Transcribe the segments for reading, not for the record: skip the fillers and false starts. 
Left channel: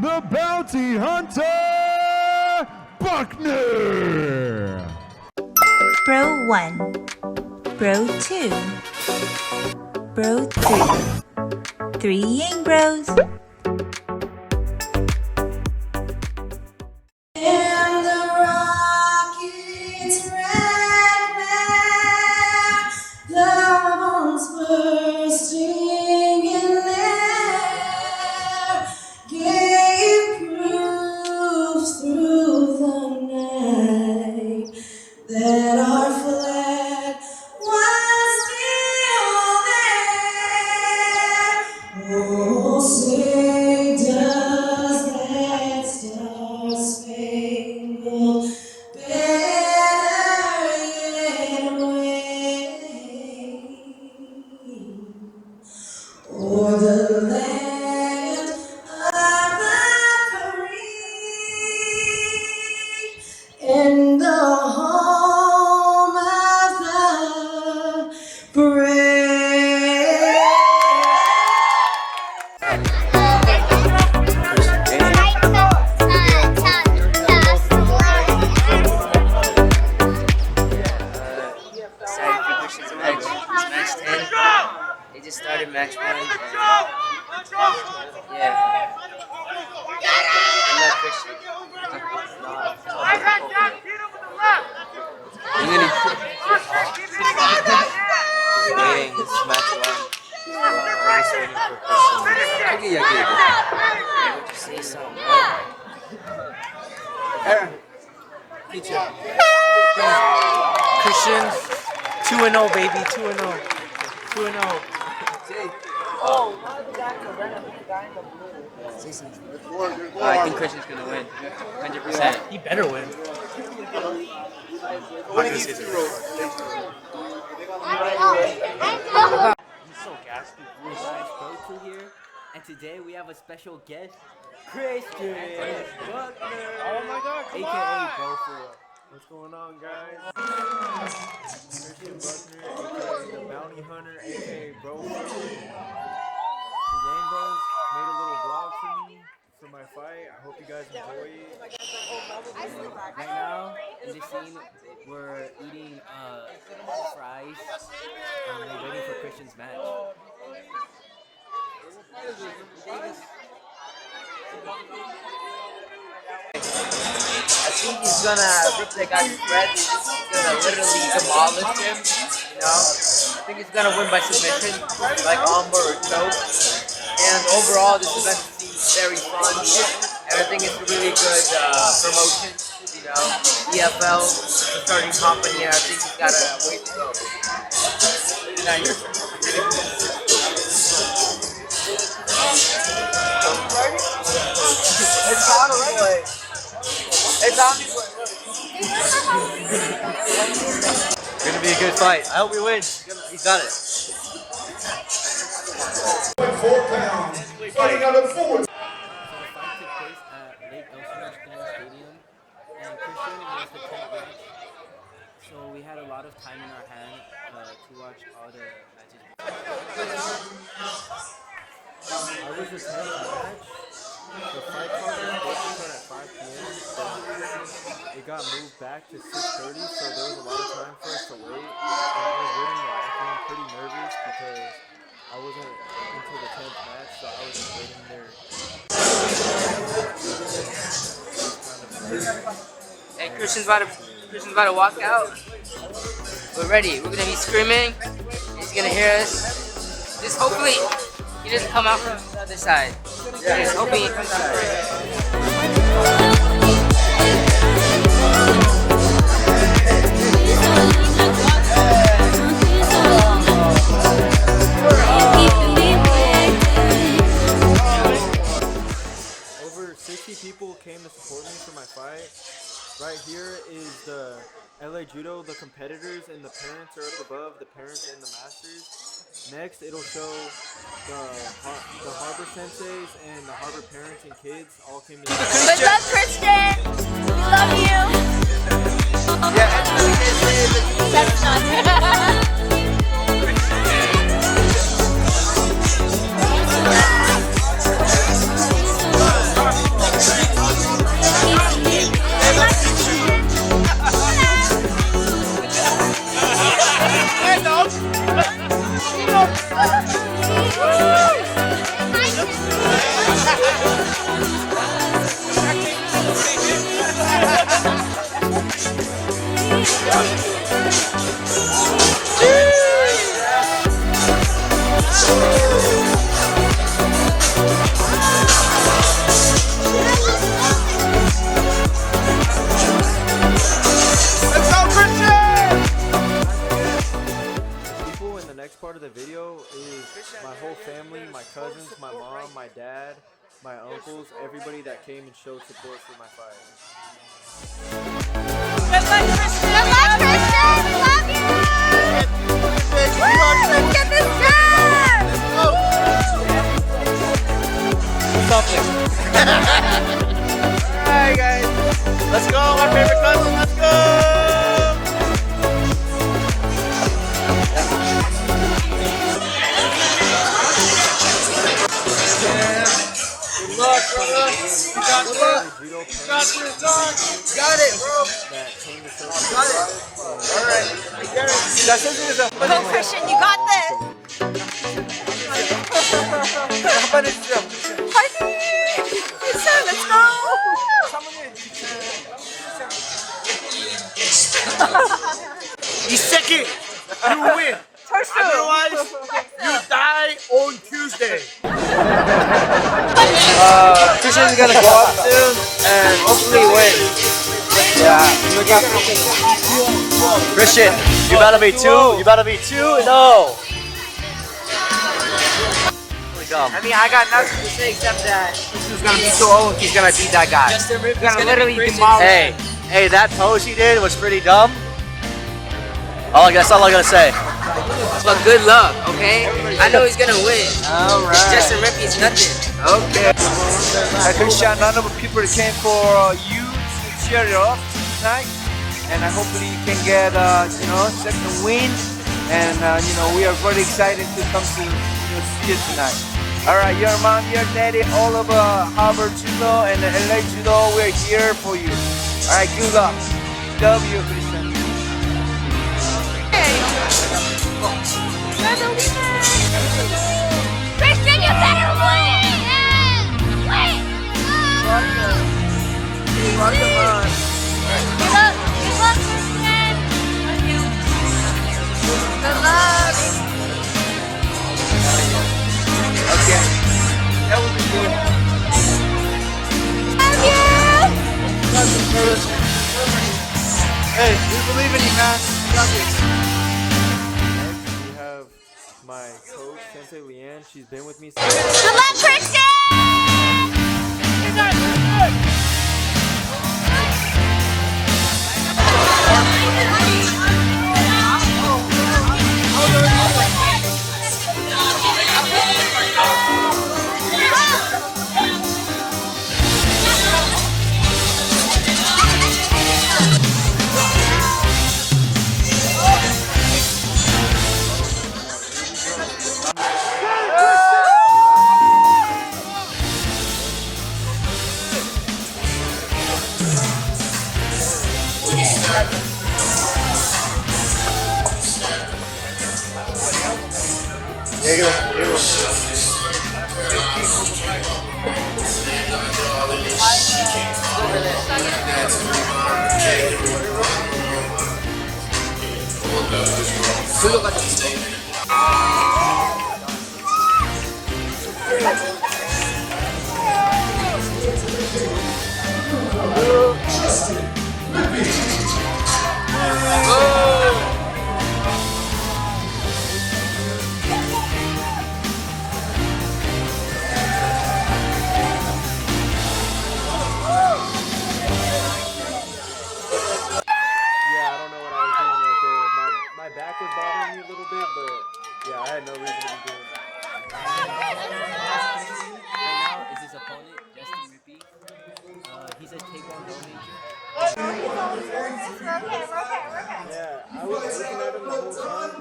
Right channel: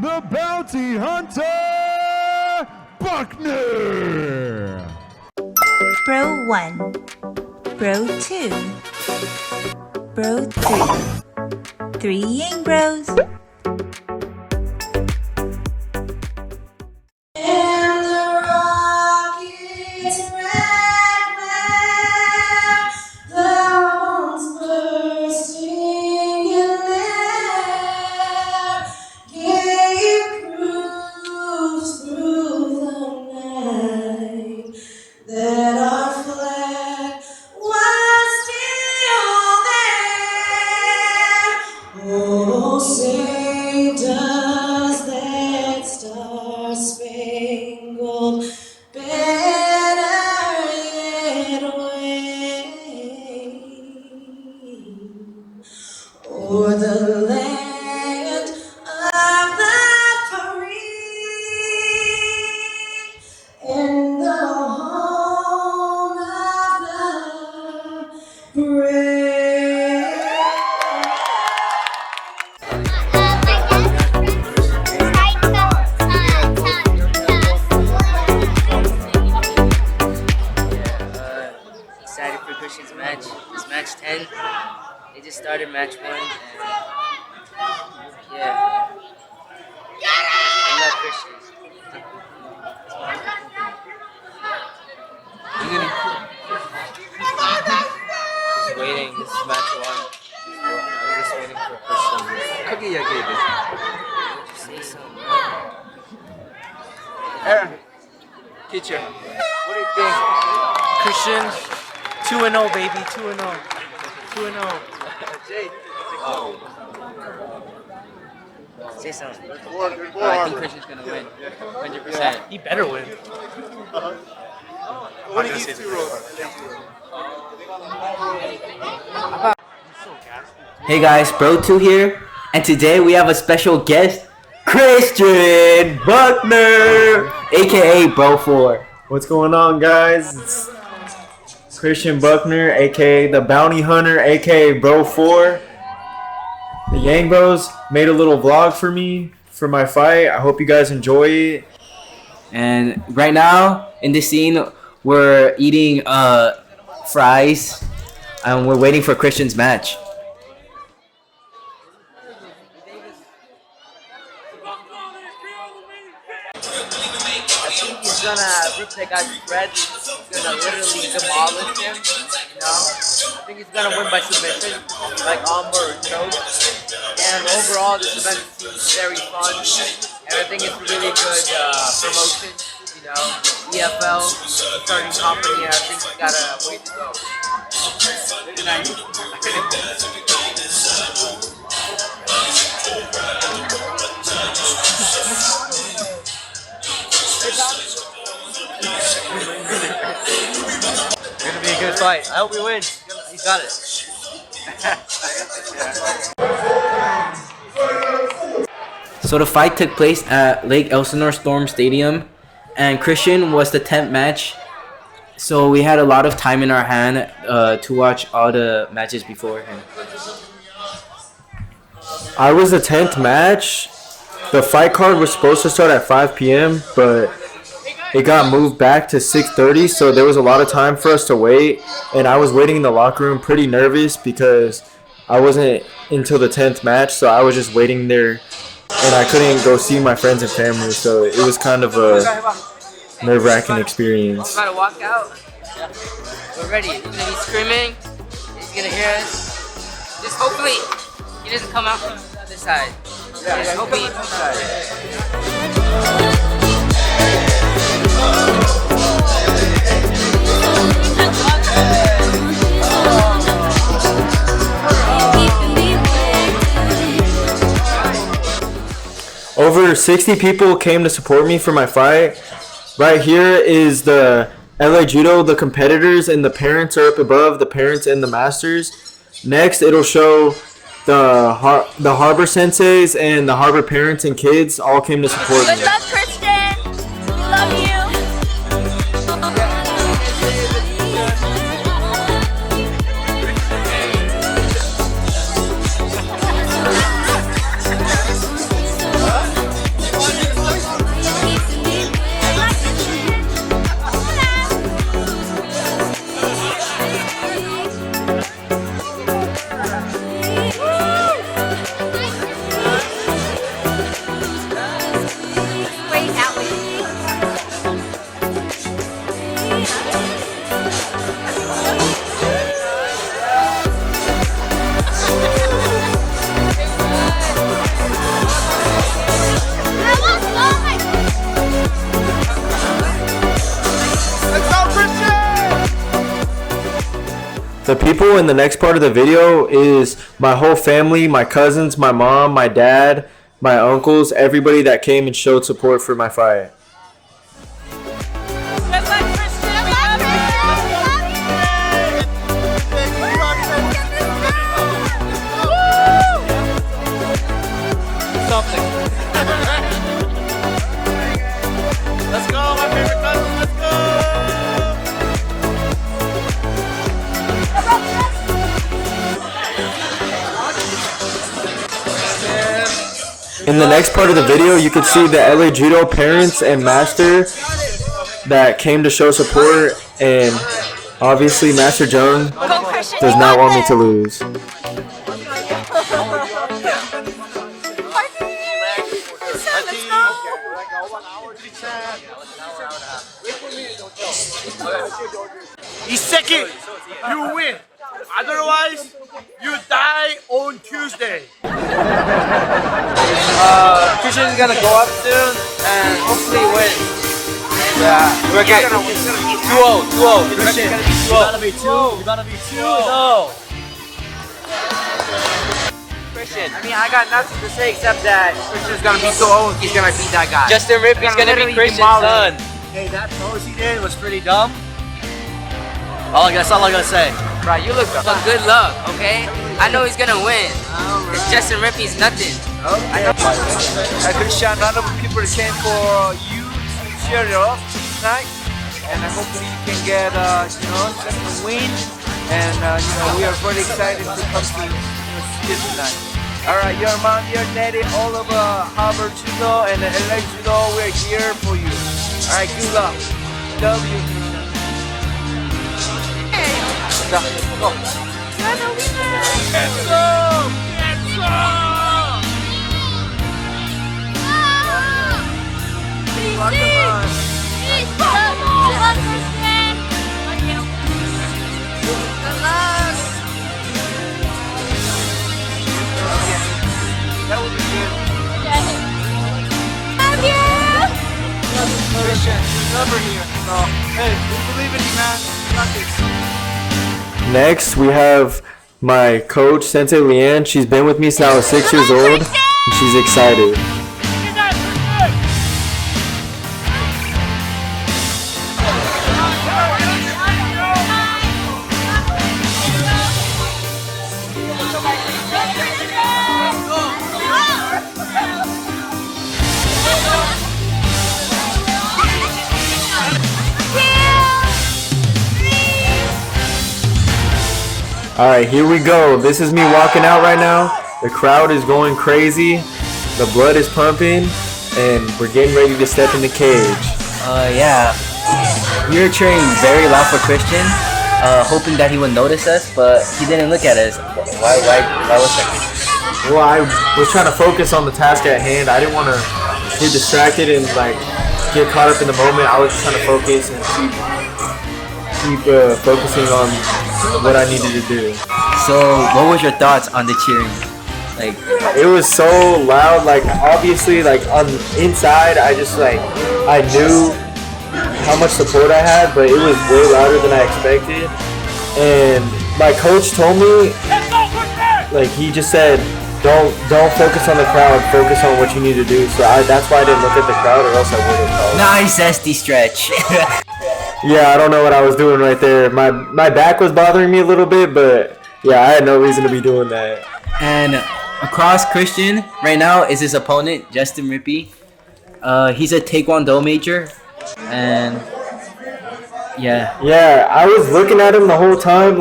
the Bounty Hunter, Buckner! Bro 1, Bro 2, Bro 3, 3 Yang Bros. Match. It's match 10. They just started match 1 and yeah. I love Christian. Just waiting. This is match 1. I'm just waiting for Christian. 크게 이야기해 돼. Just say something. Aaron, teacher. What do you think? Christian, 2-0, baby, 2-0. 2-0. Jay. Oh. Say something. I think Christian's gonna win. 100%. He better win. What are these 2 rows? Hey guys, Bro 2 here, and today we have a special guest, Christian Buckner, aka Bro 4. What's going on, guys? It's Christian Buckner, aka the Bounty Hunter, aka Bro 4. The Yang Bros made a little vlog for me for my fight. I hope you guys enjoy it. And right now, in this scene, we're eating fries, and we're waiting for Christian's match. I think he's gonna rip that guy's bread. He's gonna literally demolish him. You know, I think he's gonna win by submission, like armbar or choke. And overall, this event seems very fun, and I think it's a really good promotion. You know, EFL, the starting company, and I think he's got a way to go. It's gonna be a good fight. I hope he wins. He's got it. So the fight took place at Lake Elsinore Storm Stadium, and Christian was the 10th match. So we had a lot of time in our hand to watch all the matches before him. I was the 10th match. The fight card was supposed to start at 5 p.m., but it got moved back to 6:30, so there was a lot of time for us to wait. And I was waiting in the locker room pretty nervous because I wasn't until the 10th match, so I was just waiting there. And I couldn't go see my friends and family, so it was kind of a nerve-wracking experience. He's about to walk out. We're ready. We're gonna be screaming. He's gonna hear us. Just hopefully he doesn't come out from the other side. Just hoping he comes out first. Over 60 people came to support me for my fight. Right here is the LA Judo, the competitors, and the parents are up above, the parents and the masters. Next, it'll show the Harbor senseis and the Harbor parents and kids all came to support me. Good luck, Christian. We love you. The people in the next part of the video is my whole family, my cousins, my mom, my dad, my uncles, everybody that came and showed support for my fight. Good luck, Christian. Good luck, Christian. We love you. Let's get this done. Something. Alright, guys. Let's go, my favorite cousin. Let's go. In the next part of the video, you can see the LA Judo parents and master that came to show support, and obviously Master Joan Go, Christian. does You not got want me this. to lose. Let's go. You second, you win. Otherwise, you die on Tuesday. Christian's gonna go up soon and hopefully win. Yeah, we're gonna 2-0. Christian, you better be two. You better be 2-0. I mean, I got nothing to say except that Christian's gonna be 2-0 and he's gonna beat that guy. Justin Ripley's Gonna gonna be literally Christian's demolish son. him. Hey, that pose he did was pretty dumb. That's all I gotta say. Right, you look. But good luck, okay? I know he's gonna win. Alright. Justin Ripley's nothing. Okay. Christian, none of the people came for you to cheer you up tonight, and hopefully you can get second win. And we are very excited to come to see you tonight. All right, your mom, your daddy, all of Harvard Judo and LA Judo, we're here for you. All right, good luck. Love you, Christian. Go. You're the winner. Christian, you better win. Wait. Welcome on. Good luck, Christian. Love you. Good luck. Okay. That would be good. Love you. Christian, over here. So, hey, we believe in you, man. Got this. Next, we have my coach, Sensei Leanne. She's been with me since I was 6 years old, and she's excited. Alright, here we go. This is me walking out right now. The crowd is going crazy. The blood is pumping. And we're getting ready to step in the cage. Yeah. We were cheering very loud for Christian, hoping that he would notice us, but he didn't look at us. Why was that? Well, I was trying to focus on the task at hand. I didn't want to get distracted and get caught up in the moment. I was just trying to focus and keep focusing on what I needed to do. So, what was your thoughts on the cheering? It was so loud. Obviously, on the inside, I just I knew how much support I had, but it was way louder than I expected. And my coach told me, he just said, don't focus on the crowd, focus on what you need to do. So that's why I didn't look at the crowd, or else I would have. Nice SD stretch. Yeah, I don't know what I was doing right there. My back was bothering me a little bit, but yeah, I had no reason to be doing that. And across Christian right now is his opponent, Justin Rippey. He's a Taekwondo major, and yeah. Yeah, I was looking at him the whole time,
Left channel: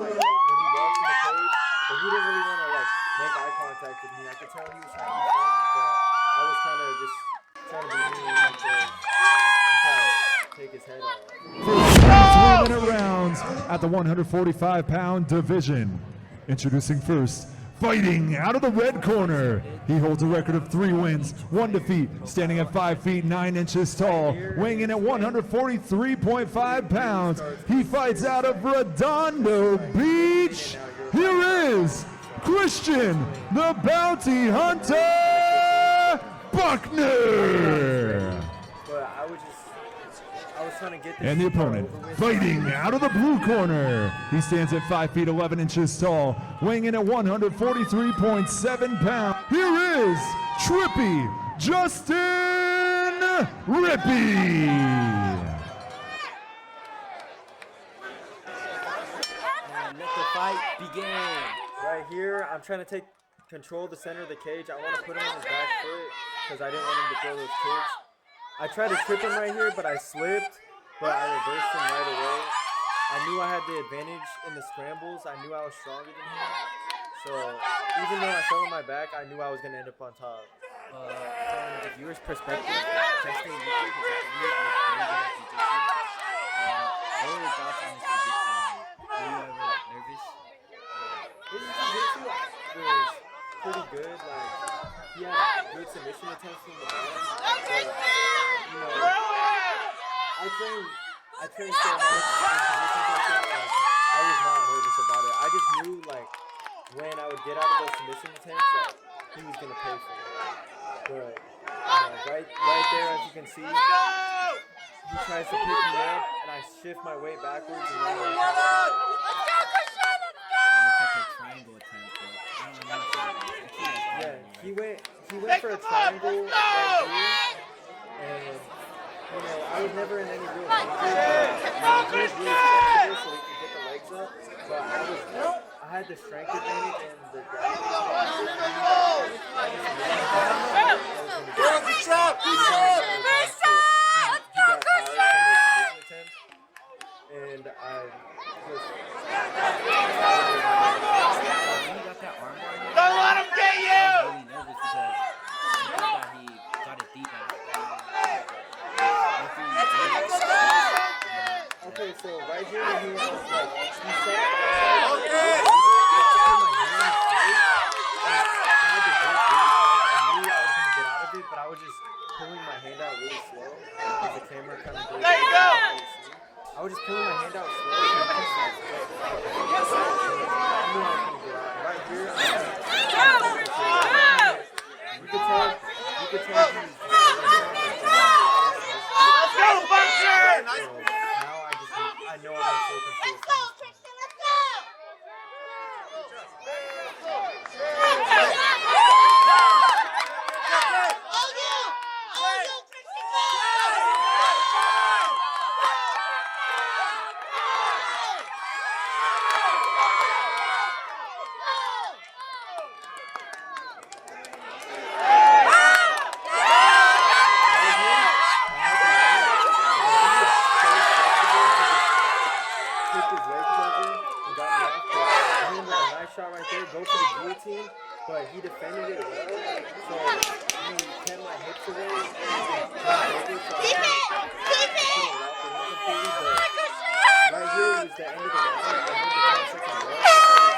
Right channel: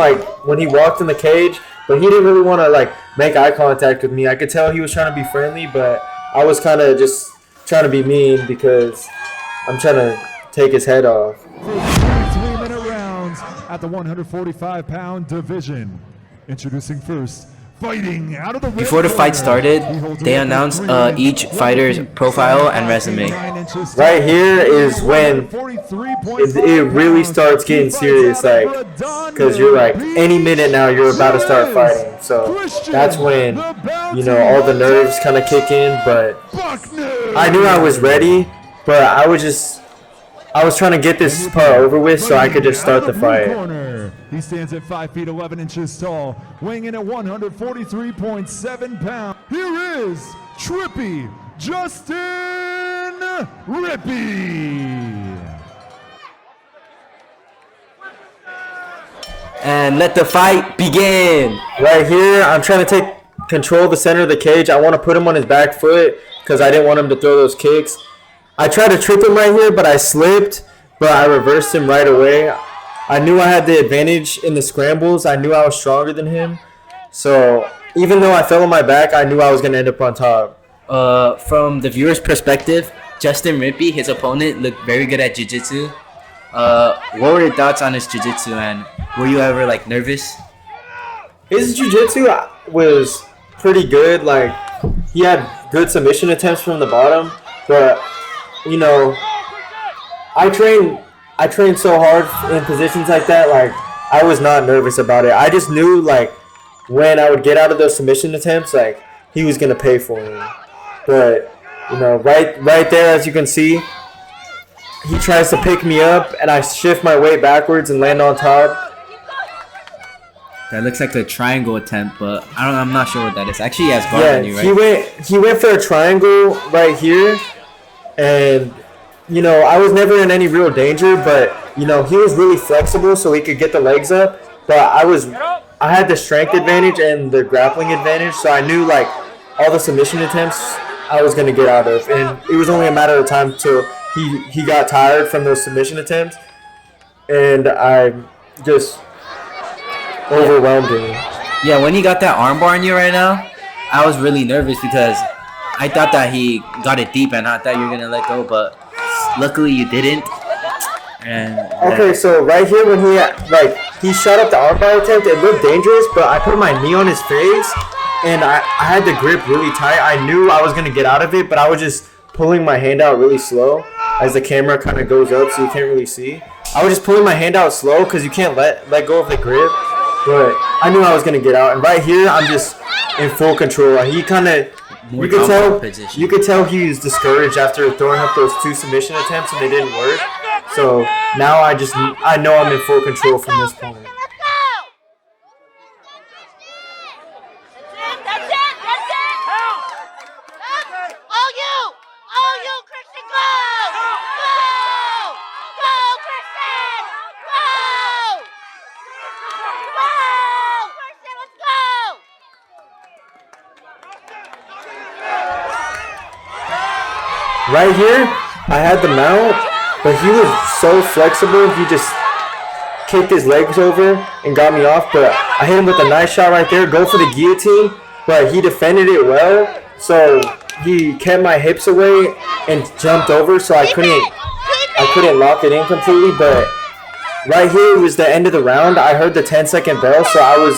when he walked in the cage, but he didn't really want to make eye contact with me. I could tell he was trying to be friendly, but I was kind of just trying to be mean because I'm trying to take his head off. 3-minute rounds at the 145-pound division. Introducing first, fighting out of the red Before the fight corner. started, He holds a they record announced 3 wins, each 1 fighter's defeat, profile 7 and 5 feet, resume. 9 inches Right tall. here is Weighing when 143.5 it really starts pounds. getting He fights serious, out of Redondo because you're any Beach. minute now you're about to start Here is fighting. So Christian, that's when, the bounty all the nerves hunter kind of kick in, but Buckner. I knew I was ready, but I was just I was trying to get And this the part opponent, over with so I could fighting just out start of the blue fight. corner. He stands at 5 feet 11 inches tall, weighing in at 143.7 pounds. Here is Trippy Justin Rippy. And let the fight begin. Right here, I'm trying to take control of the center of the cage. I want to put him on his back foot because I didn't want him to throw those kicks. I tried to trip him right here, but I slipped, but I reversed him right away. I knew I had the advantage in the scrambles. I knew I was stronger than him. So even though I fell on my back, I knew I was going to end up on top. From the viewer's perspective, Justin Rippy, his opponent, looked very good at jiu-jitsu. What were your thoughts on his jiu-jitsu, and were you ever like nervous? His jiu-jitsu was pretty good. Like, he had good submission attempts from the bottom, but you know, I trained so hard in positions like that. Like, I was not nervous about it. I just knew, like, when I would get out of those submission attempts, like, he was gonna pay for me. But you know, right there, as you can see, he tries to pick me up, and I shift my weight backwards and land on top. That looks like a triangle attempt, but I'm not sure what that is. Actually, he has guard on you, right? He went for a triangle right here, and you know, I was never in any real danger, but you know, he was really flexible so he could get the legs up, but I had the strength advantage and the grappling advantage, so I knew, like, all the submission attempts I was gonna get out of, and it was only a matter of time till he got tired from those submission attempts, and I just overwhelmed him. Yeah, when he got that armbar on you right now, I was really nervous because I thought that he got it deep and I thought you were gonna let go, but luckily you didn't. And okay, so right here when he shot up the armbar attempt, it looked dangerous, but I put my knee on his face and I had the grip really tight. I knew I was gonna get out of it, but I was just pulling my hand out really slow as the camera kind of goes up so you can't really see. I was just pulling my hand out slow because you can't let go of the grip, but I knew I was gonna get out. And right here, I'm just in full control. He kind of, you could tell he was discouraged after throwing up those 2 submission attempts and they didn't work. So now I know I'm in full control from this point. Right here, I had the mount, but he was so flexible. He just kicked his legs over and got me off. But I hit him with a nice shot right there. Go for the guillotine, but he defended it well. So he kept my hips away and jumped over, so I couldn't lock it in completely. But right here was the end of the round. I heard the 10-second bell, so I was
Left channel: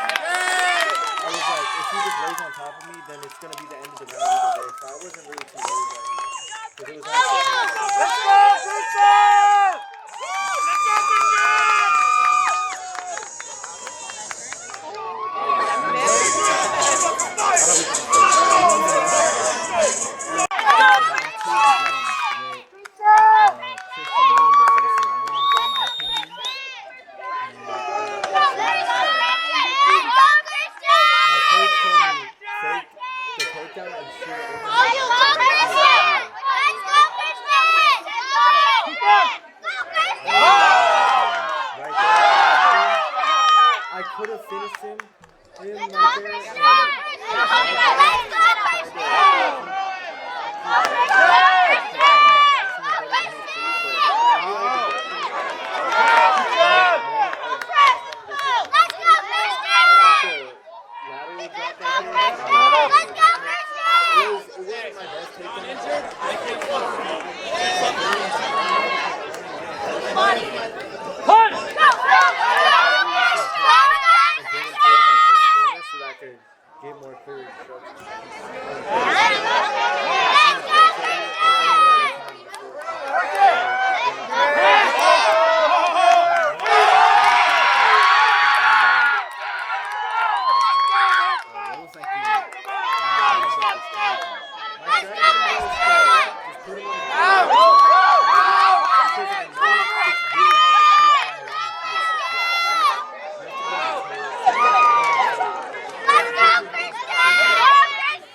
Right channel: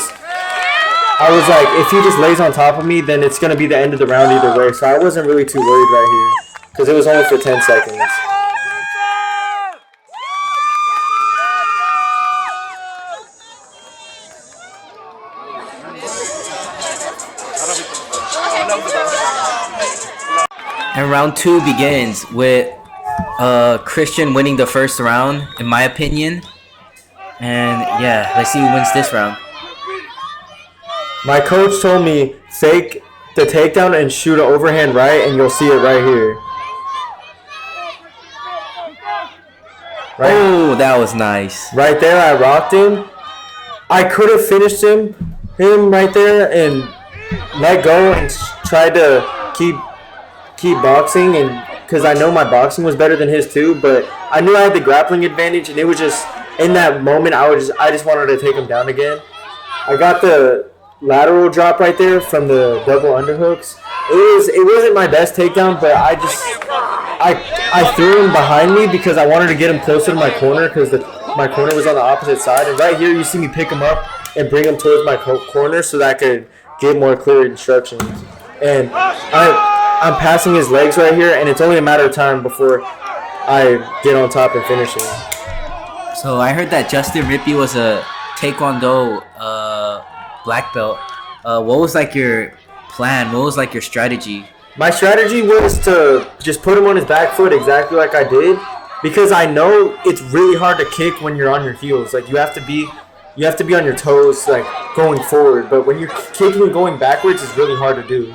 like, if he just lays on top of me, then it's gonna be the end of the round either way. So I wasn't really too worried right here, because it was only for 10 seconds. And round 2 begins with Christian winning the first round, in my opinion. And yeah, let's see who wins this round. My coach told me, fake the takedown and shoot an overhand right, and you'll see it right here. Oh, that was nice. Right there, I rocked him. I could have finished him right there and let go and tried to keep boxing, and because I know my boxing was better than his too, but I knew I had the grappling advantage, and it was just in that moment I just wanted to take him down again. I got the lateral drop right there from the double underhooks. It wasn't my best takedown, but I threw him behind me because I wanted to get him closer to my corner, because my corner was on the opposite side. And right here, you see me pick him up and bring him towards my corner so that I could get more clear instructions. And I'm passing his legs right here, and it's only a matter of time before I get on top and finish him. So I heard that Justin Rippy was a Taekwondo black belt. What was like your plan? What was like your strategy? My strategy was to just put him on his back foot exactly like I did, because I know it's really hard to kick when you're on your heels. Like you have to be on your toes, like going forward. But when you're kicking and going backwards, it's really hard to do.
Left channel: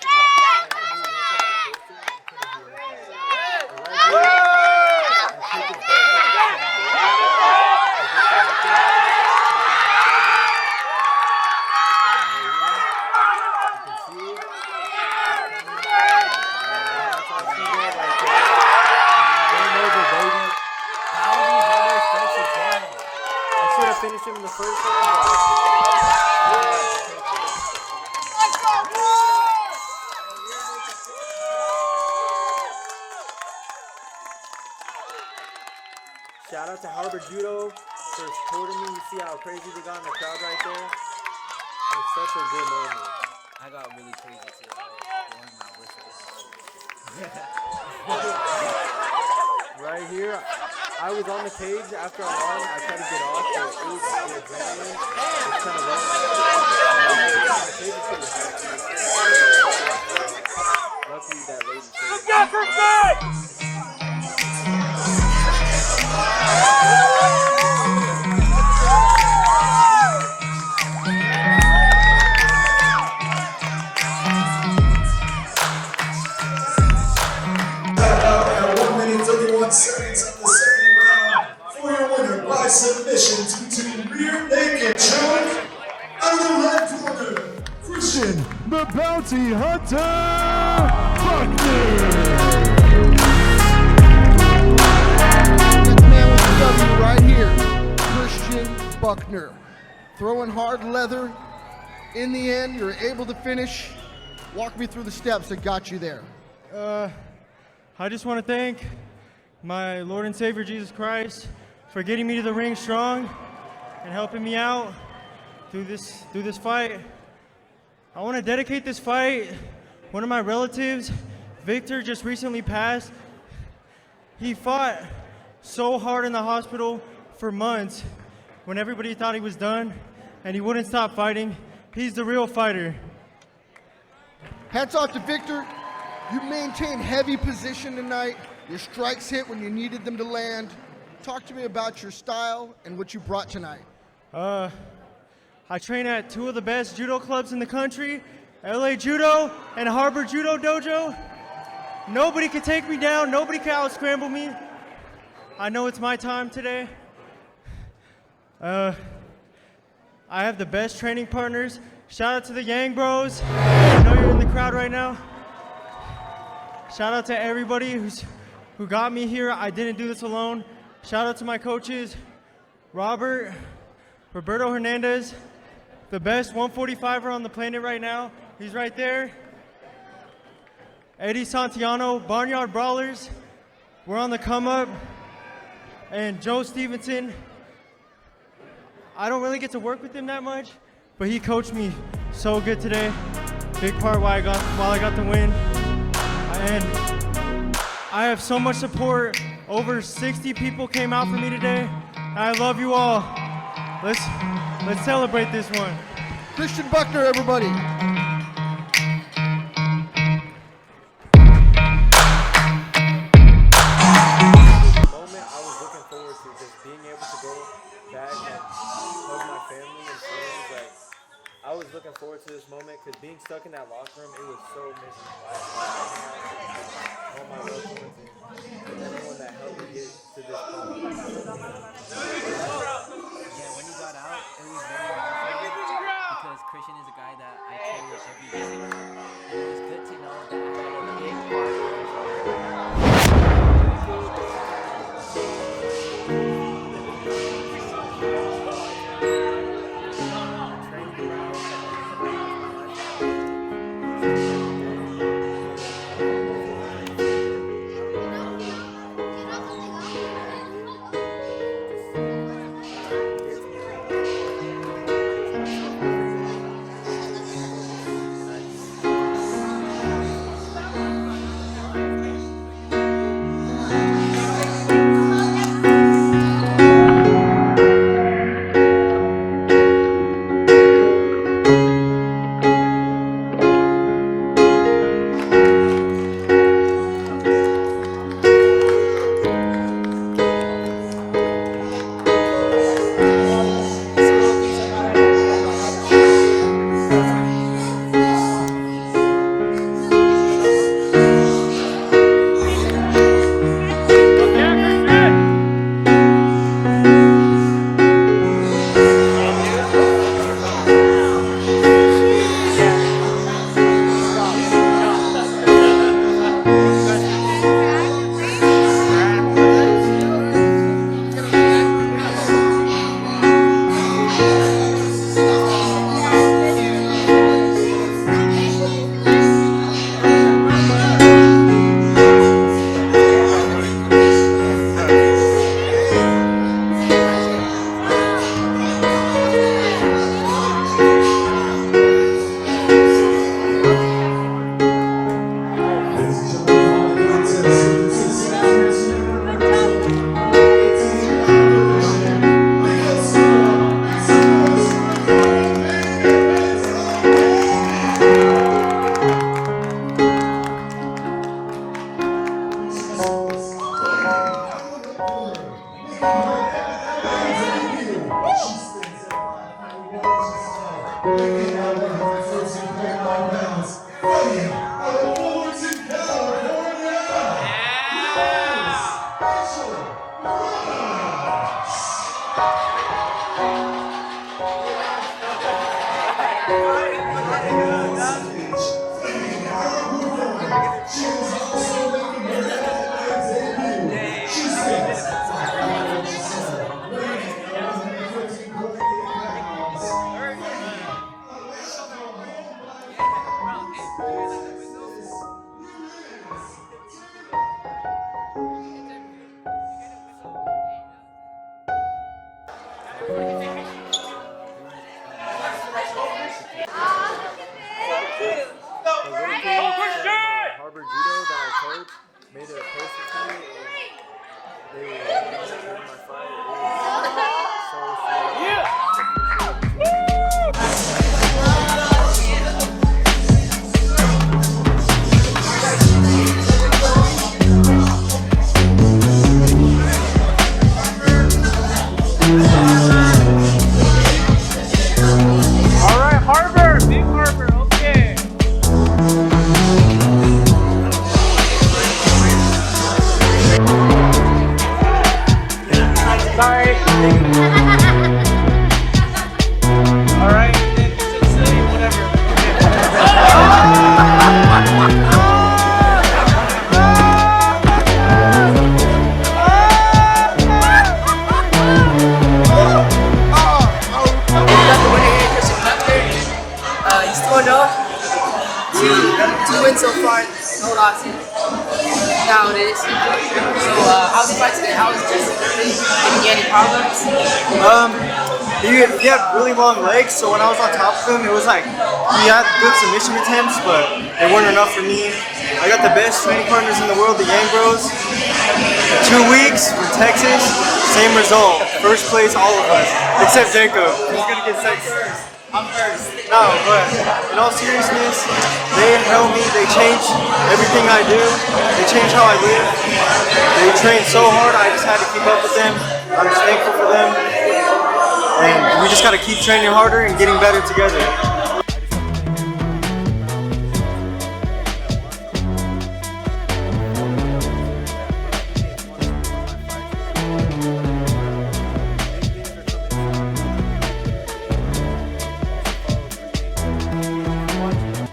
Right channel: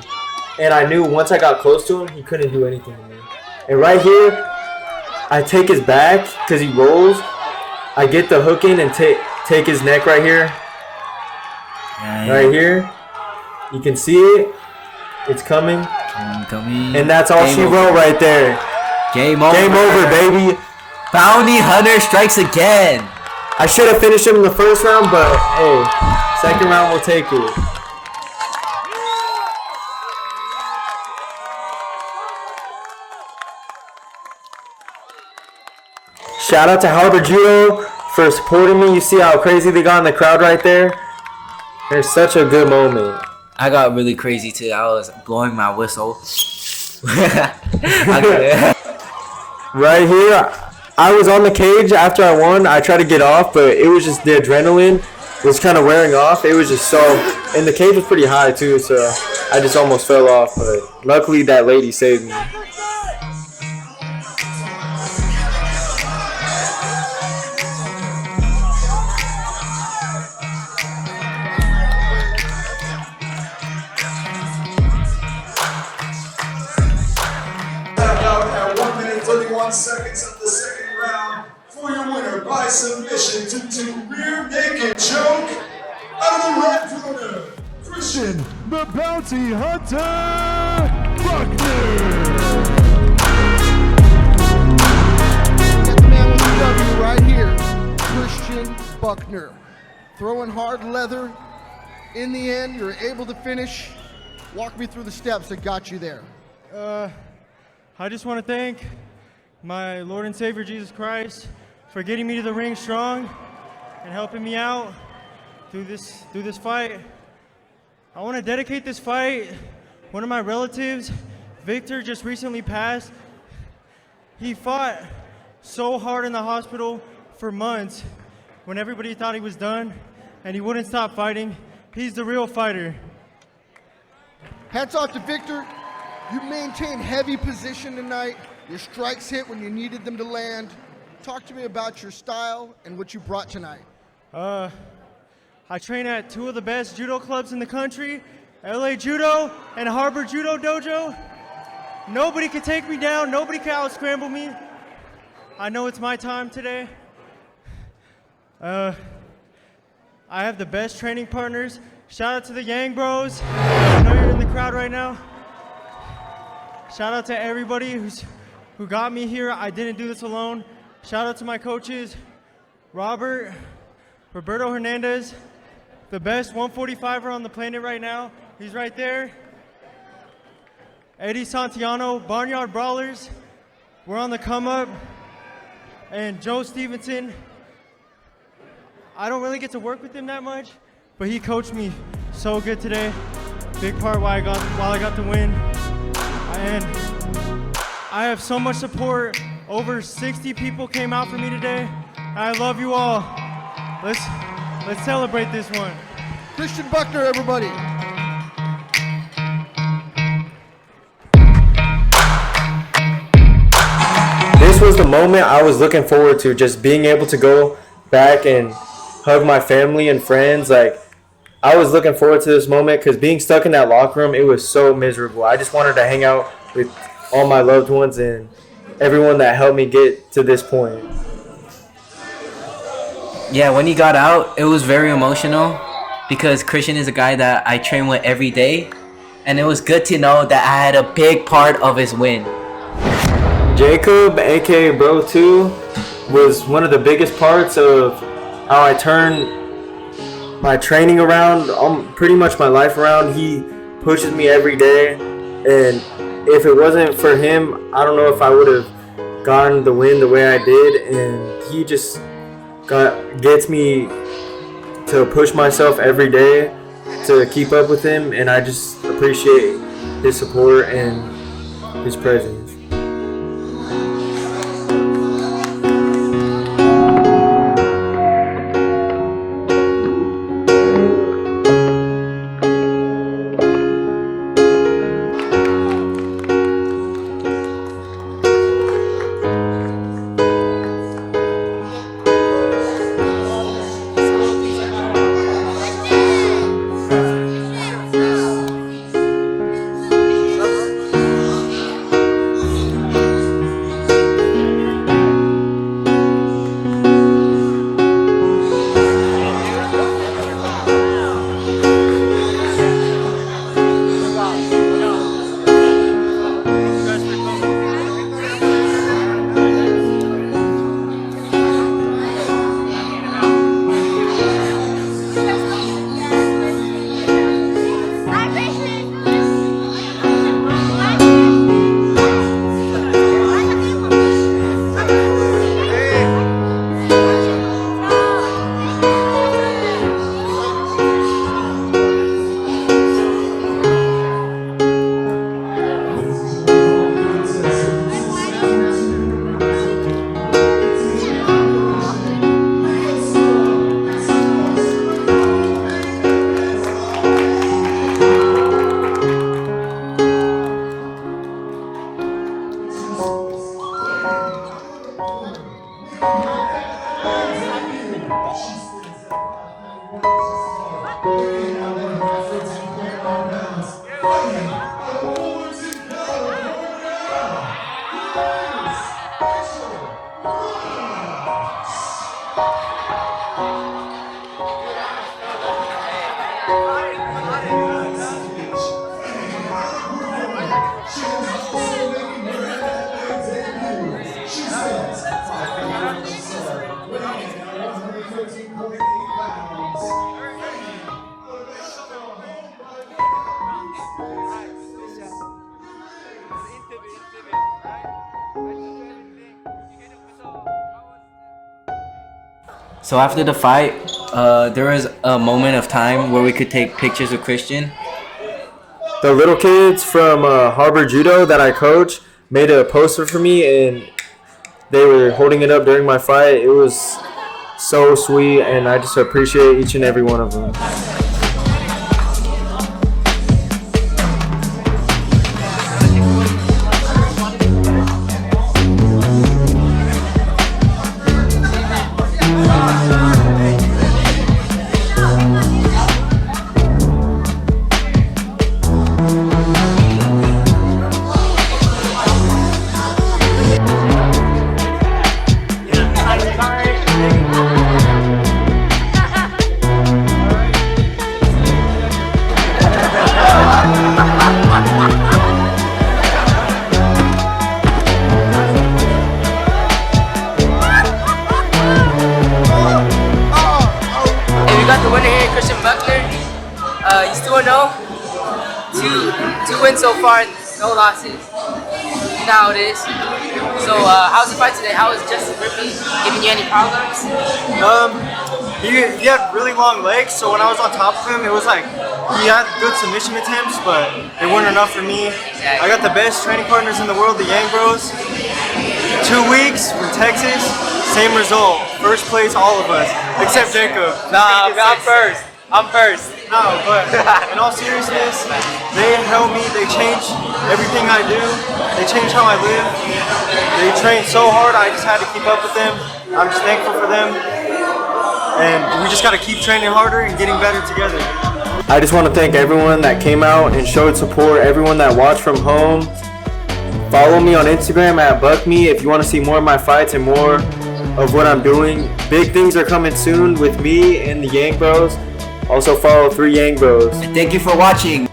And I knew once I got close to him, he couldn't do anything. And right here, I take his back because he rolls. I get the hook in and take his neck right here. Right here. You can see it. It's coming. And that's all she wrote right there. Game over. Game over, baby. Bounty Hunter strikes again. I should have finished him in the first round, but hey, second round we'll take it. Shout out to Harbor Judo for supporting me. You see how crazy they got in the crowd right there? It's such a good moment. I got really crazy too. I was blowing my whistle. Right here, I was on the cage after I won. I tried to get off, but it was just the adrenaline was kind of wearing off. It was just so, and the cage was pretty high too, so I just almost fell off. But luckily, that lady saved me. Seconds of the second round for your winner by submission to rear naked choke out of the red corner, Christian the Bounty Hunter Buckner. Get the man with the W right here, Christian Buckner. Throwing hard leather. In the end, you're able to finish. Walk me through the steps that got you there. I just want to thank my Lord and Savior Jesus Christ for getting me to the ring strong and helping me out through this fight. I want to dedicate this fight. One of my relatives, Victor, just recently passed. He fought so hard in the hospital for months when everybody thought he was done, and he wouldn't stop fighting. He's the real fighter. Hats off to Victor. You maintained heavy position tonight. Your strikes hit when you needed them to land. Talk to me about your style and what you brought tonight. I train at two of the best judo clubs in the country, LA Judo and Harbor Judo Dojo. Nobody can take me down. Nobody can out-scramble me. I know it's my time today. I have the best training partners. Shout out to the Yang Bros. I know you're in the crowd right now. Shout out to everybody who got me here. I didn't do this alone. Shout out to my coaches, Roberto Hernandez, the best 145er on the planet right now. He's right there. Eddie Santiano, Barnyard Brawlers. We're on the come up. And Joe Stevenson. I don't really get to work with him that much, but he coached me so good today. Big part while I got the win. And I have so much support. Over 60 people came out for me today. I love you all. Let's celebrate this one. Christian Buckner, everybody. This was the moment I was looking forward to, just being able to go back and hug my family and friends. Like, I was looking forward to this moment because being stuck in that locker room, it was so miserable. I just wanted to hang out with all my loved ones and everyone that helped me get to this point. Yeah, when he got out, it was very emotional because Christian is a guy that I train with every day, and it was good to know that I had a big part of his win. Jacob, aka Bro 2, was one of the biggest parts of how I turned my training around, pretty much my life around. He pushes me every day, and if it wasn't for him, I don't know if I would have gotten the win the way I did. And he just gets me to push myself every day to keep up with him, and I just appreciate his support and his presence. So after the fight, there was a moment of time where we could take pictures with Christian. The little kids from Harbor Judo that I coach made a poster for me, and they were holding it up during my fight. It was so sweet, and I just appreciate each and every one of them. He's 2-0. Two wins so far, no losses. Now it is. So, how's the fight today? How is Justin Griffin giving you any problems? He had really long legs, so when I was on top of him, it was like he had good submission attempts, but they weren't enough for me. I got the best training partners in the world, the Yang Bros. 2 weeks from Texas, same result. First place, all of us, except Jacob. I'm first. No, but in all seriousness, they help me. They change everything I do. They change how I live. They train so hard, I just had to keep up with them. I'm just thankful for them. And we just got to keep training harder and getting better together. I just want to thank everyone that came out and showed support, everyone that watched from home. Follow me on Instagram at BuckMe if you want to see more of my fights and more of what I'm doing. Big things are coming soon with me and the Yang Bros. Also follow 3 Yang Bros. Thank you for watching.